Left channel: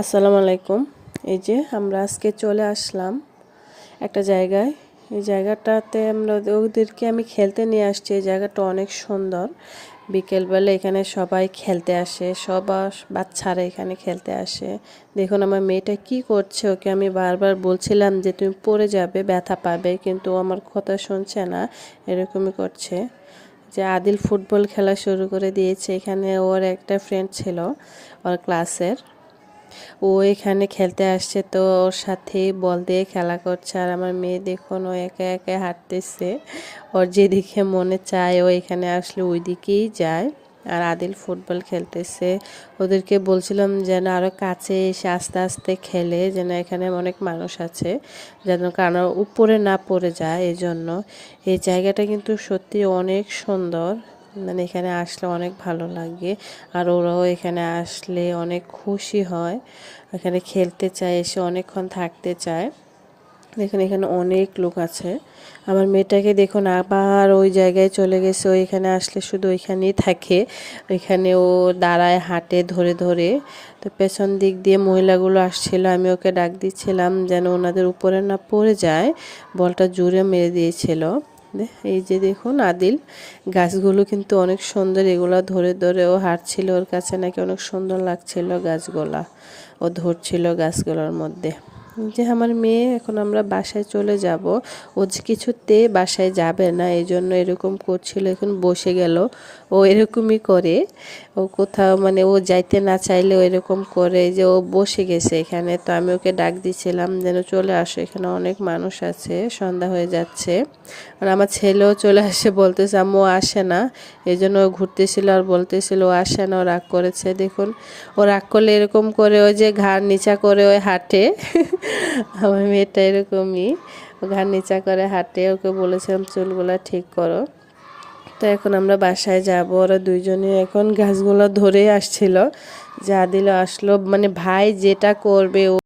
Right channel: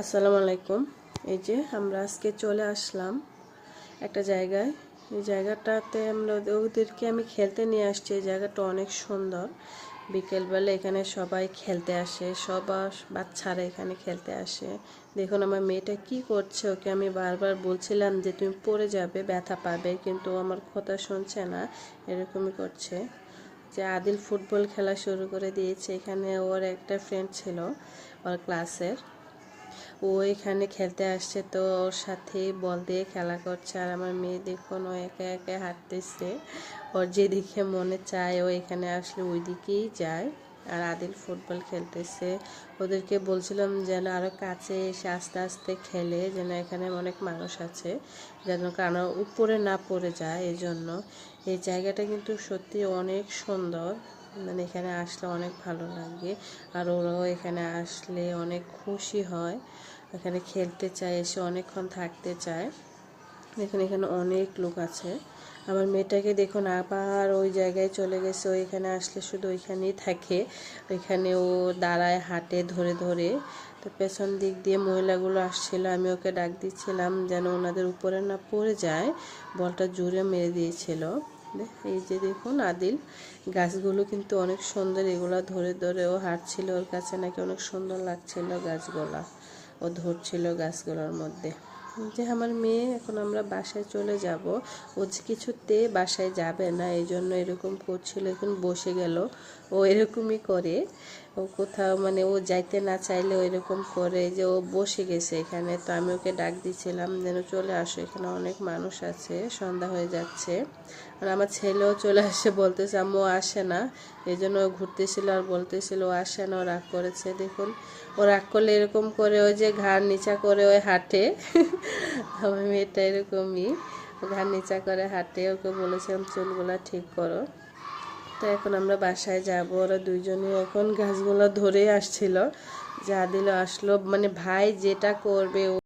আসসালামু আলাইকুম। এই যে আমরা আজকে চলে আসলাম একটা জায়গায়। এই জায়গাটাতে ওদেরকে আমি খেলতে নিয়ে আসছি। এই জায়গাটা অনেক সুন্দর। বিকেলবেলা এখানে সবাই খেলতে আসে, বাচ্চারা এখানে খেলতে আসে। দেখুন আমার মেয়েটা কি করছে, ওকে আমি বারবার বলছিলাম যে তুমি পড়ে যাবে, ব্যথা পাবে, কিন্তু ও আমার কথা শুনছে না, এরকমই করছে। যে আদিল ফুটবল খেলা শুরু করে দিয়েছে। এখানে ওর একটা ফ্রেন্ড ছিল ওর ক্লাসের, ও এখানে খেলতে আসছে, তো ওর সাথেই বল দিয়ে খেলা করছে। আর আমার মেয়ে দেখুন ও একা একা হাঁটতেছে, ওর যেদিকে মনে চায় ও এখানে আসলে ওই দিকেই যায়। আর আদিল ফুটবল খেলতেছে। ওদেরকে বলছিলাম যেন আরও কাছে এসে আস্তে আস্তে খেলে, যেন এখানে অনেক মানুষ আছে, যেন কারণ উপরে না পড়ে যায়। এই জন্য এই জায়গাটা কিন্তু সত্যি অনেক সুন্দর, মানে এখানে আসলে অনেক ভালো লাগে। আর ওরাও এখানে আসলে অনেক খুশি হয়, এখানে খেলতে চায়, এসে অনেকক্ষণ থাকতে চায়। দেখুন এখানে অনেক লোক আছে। আমার মেয়েটাকে দেখুন আবার ওই জায়গায় চলে গেছে, ও এখানে আসলে শুধু ওইখানেই থাকে। ওইখানে ও দাঁড়ায়, হাঁটে ধরে ধরে। তো পেছন দিক দিয়ে মহিলাগুলো আসছিল, আমি ওকে ডাক দিচ্ছিলাম যেন ওনাদের উপরে না পড়ে যায়। বলটা জোরে মেরে দিয়েছিল। এই যে দেখুন আদিল, গাছগুলো কিন্তু অনেক সুন্দর, এগুলো ধরে ধরে ও হাঁটছিল, ওর কাছে নাকি অনেক সুন্দর লাগছিল গাছগুলা, ও ধরছিল গাছগুলোর মধ্যে। যে আমার মেয়ে, এখন আমরা বাসায় চলে যাব। ও যে কিছুতে বাসায় যাবে না, এই জন্য এরকম করছিল। এখন বসে গেল, ও এরকমই করে। ও কোথাও মানে ও যাইতে না চাইলেও এরকম করে, যে ও বসে গেছে এখানে। তো আমি ওকে ডাক দিছিলাম যেন চলে আসো, এখানে অনেক মানুষ আছে, সন্ধ্যা হয়ে যাচ্ছে। আর আমার ছেলেও চলে আসে, বলতেছে আম্মু আসে না। এই জন্য ও ঘুরতেছিল আর বলতেছিল ও আসে না, ও রাগ করেছে। দেখুন ও রাগ করলে এরকম করে, ওই যে ঘাড় নিচা করে ওই হাঁটে। আমার মেয়েটা এরকমই, ও ঘাড় নিচা করে হাঁটে। ওকে বলেছিলাম চুলগুলা ঠিক করো। তো এখন আমরা বাসায় যাব। ওরা দুইজনে এখন গাছগুলো ধরে আসছিল। যা দিল আসলো, মানে ভাই যেটা করবে